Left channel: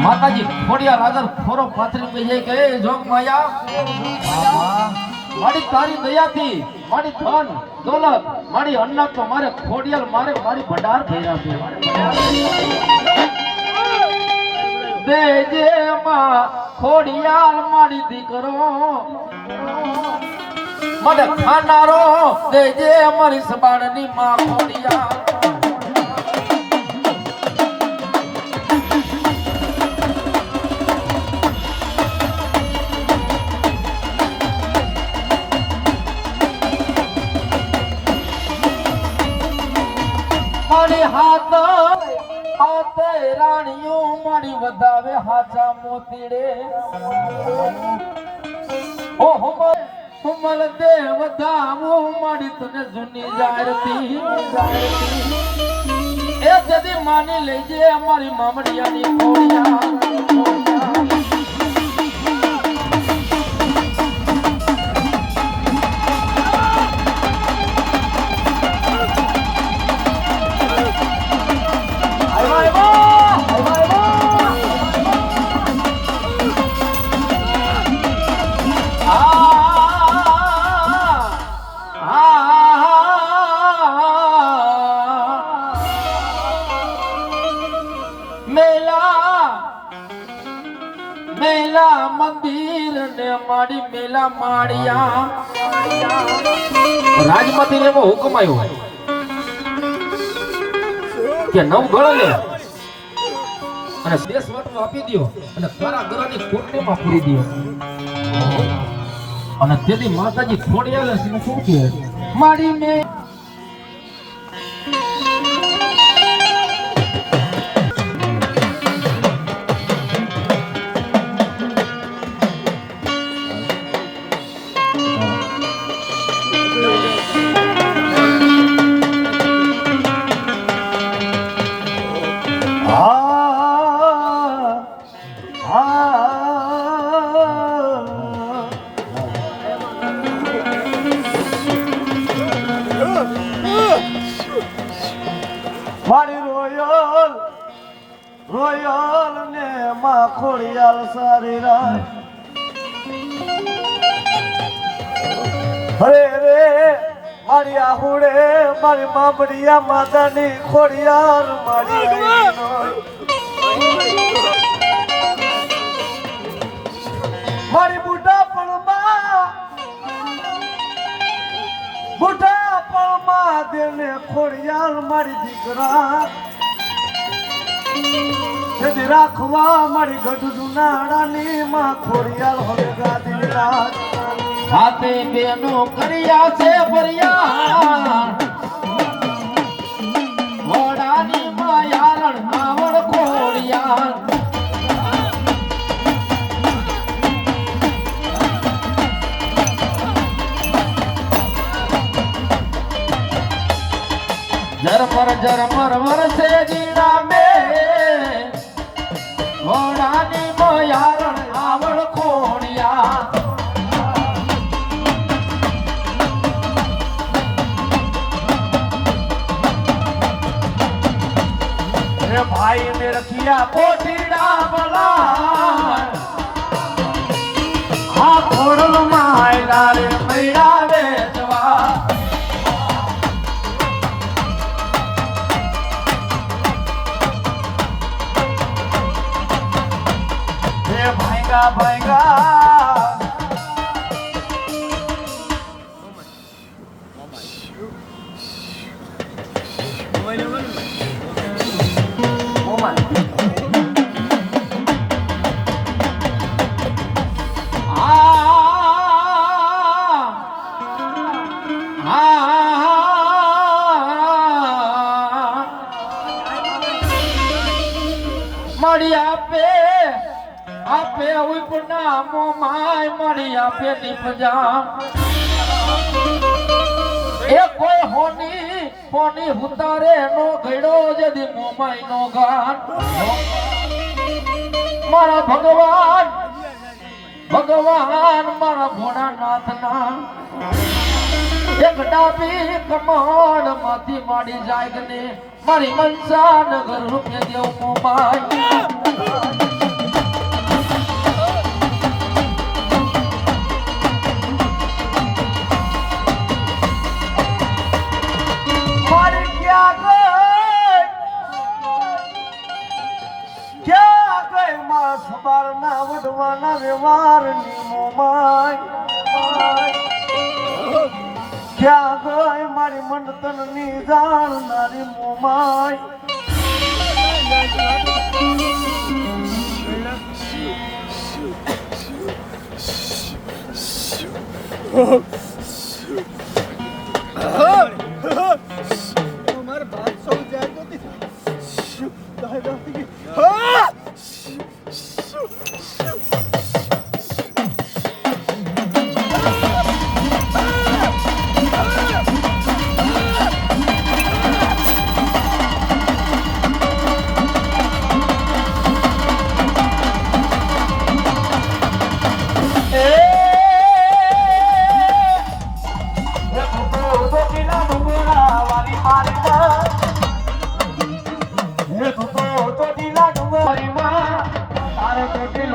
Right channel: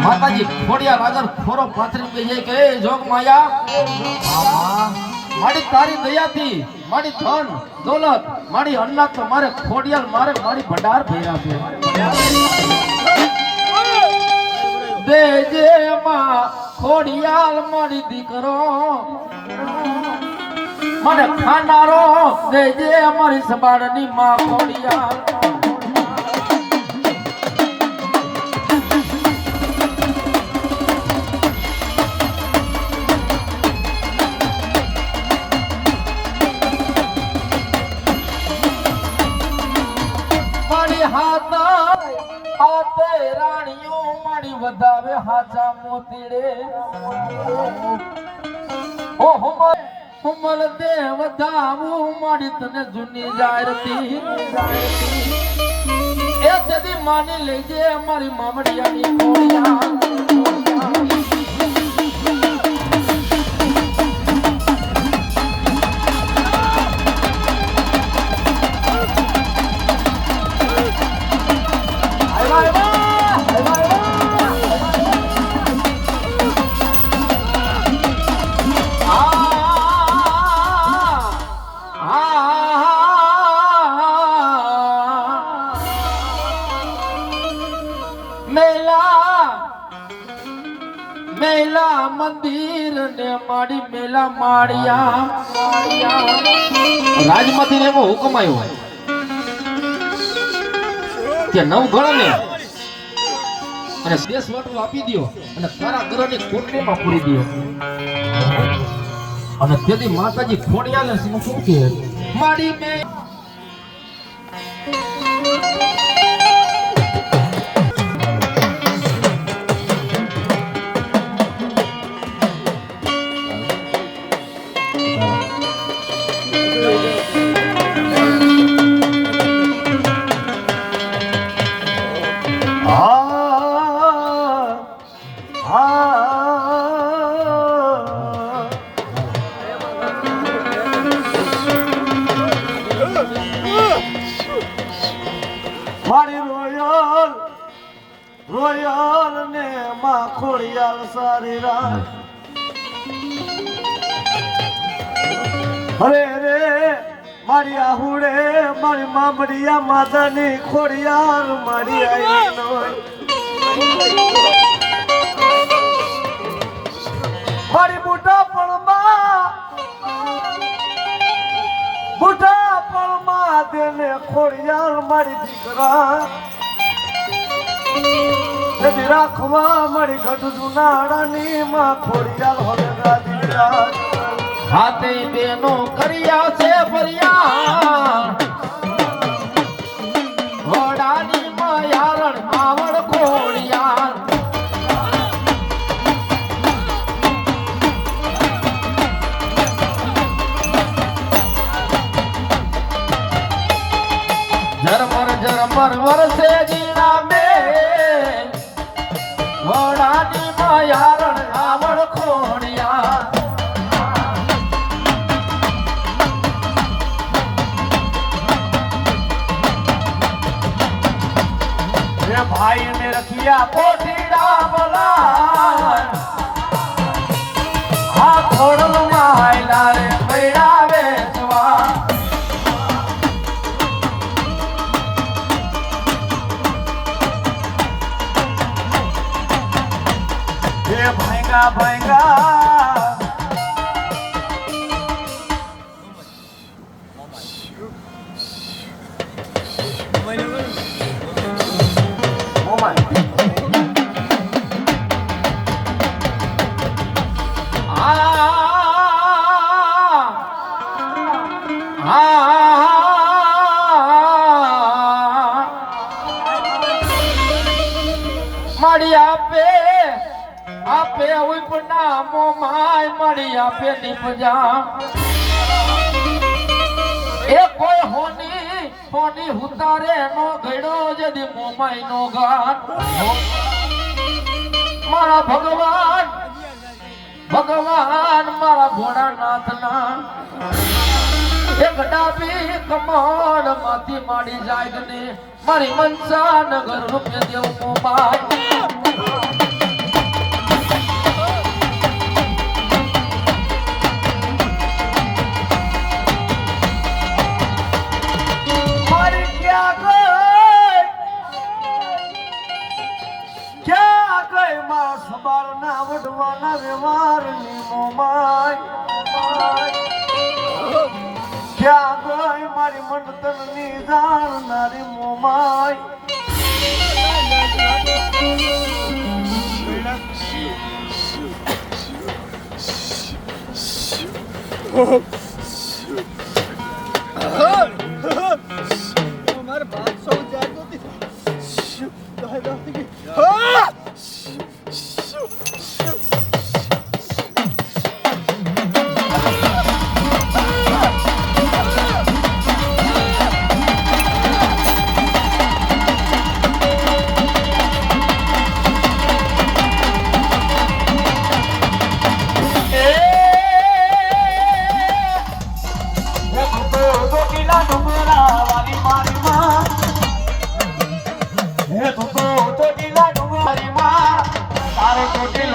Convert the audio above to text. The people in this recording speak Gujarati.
માતાજી ખોડિયા લાગર ખોરો પાથરી ગઈ કે જોગ માયા? મારી તારી દયાથી, મારી ધન, દોલત, મારી અન્નત તો મારે ખોડિયાલ મારે મારી ભંડાર ભર્યા છે. દેજે માં ખોડિયાલ મારી દીકરો. મને ખાનારો દેજે મારી સબાડની માં ખોડિયાલ હાથ હાથે રાણીઓ મણી વધાવે હાચા મોતીડે ઓહો કુમલ દેવ ધામો મારી તને જૂની જારતી એ જદી માની લેજે અમારી મામડિયાની ખોડિયા માડી માળિયા. રાજમાંથી એવો હુકમ આવ્યો. કે નવ ગણ ને અને દેશ વટો આપી દો અને તારા ગ્રહની કોટલીમાં પૂરી દો અને તેથી માતાજી ખોડિયાલે છે શું કહે? માડી મે ખોડિયાલ સારી રાત હરે રે મારી આહુડે, મારી મામડિયા માતાની ખોડિયાર મારી. મારી બુઢા પણમાં બુઢા પણમાં દેને ખોડિયાર મારી દીકરા તેથી રાખવા મારી ગઢ જુનાડાની માં ખોડિયાલ હવે ગાદીના હાથે બેનો કર્યા છે ફરિયા ઝરમર ઝરમર વરસે જીના મે ઘોડાની મયારણ આવડ ખોડિયા રે ભાઈ ને રખિયા પોઠીડા હે ભાઈગા ભાઈગા આપે ઉપના માય મળી આપે દીપજા એ કોઈ હોની હોની હુતારે નો ઘડો જદી મોમાઈ નો ગાન. મારા ભગવાન ભગવાન મારા ભોળાનાથના. એક ડાબી કમળમાંથી માડી જાય ને મારી મનસા નગર રૂપે દેવ મોમાય મોમાય ક્યાં ગઈ મારી મંડતનની જાણનારી મોમાય મારે બાત સૌ જાય હા!